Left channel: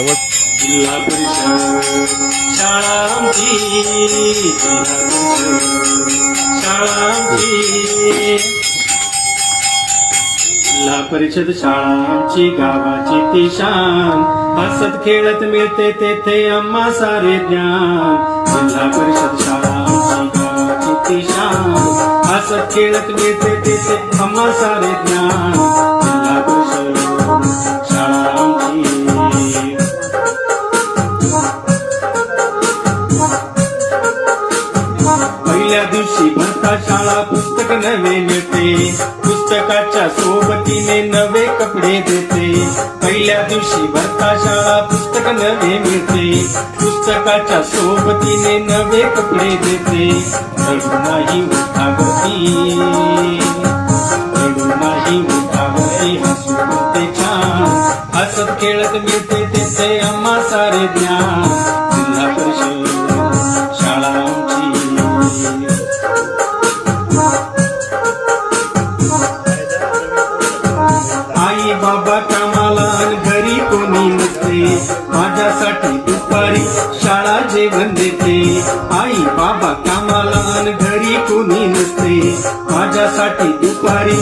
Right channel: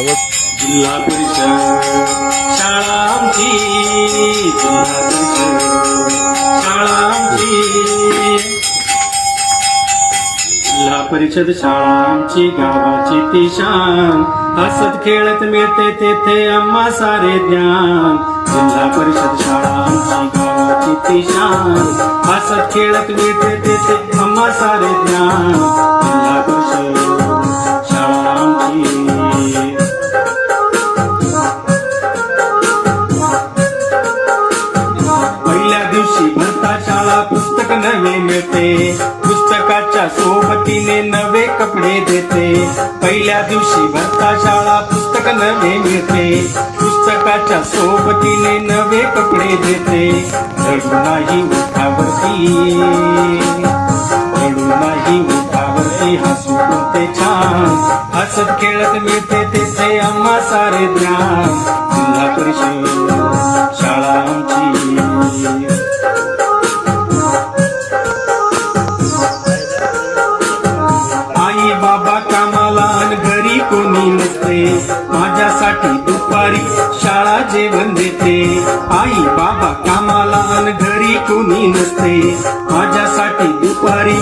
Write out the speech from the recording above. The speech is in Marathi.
समज जिल्हा परिषद शाळा आमची, जिल्हा परिषद शाळा आमची, जिल्हा परिषद शाळा आमची गावाची ती शान, हसत खेळत मिळते तेथे आम्हा सारे ज्ञान. जिल्हा परिषद शाळा आमची गावाची ती शान, हसत खेळत मिळते तेथे आम्हा सारे ज्ञान. जिल्हा परिषद शाळा आमची. पहिल्या दिवशी भरता शाळा पुस्तक नवे मिळते, पुस्तकाच्या सोबतीने नवे कपडे देते. पहिल्या दिवशी भरता शाळा पुस्तक नवे मिळते, पुस्तकाच्या सोबतीने नवे कपडे देते. रडू नाही उठावती, रडू नाही उठावती, हसू कोणते छान, हसत खेळत मिळते तिथे आम्हा सारे ज्ञान. जिल्हा परिषद शाळा आमची. आई बाबा कामाला आणि घरी कोणी नसते, माझ्यासाठी दुपारी शाळा जेवण देते. आई बाबा कामाला आणि घरी कोणी नसते, माझ्यासाठी दुपारी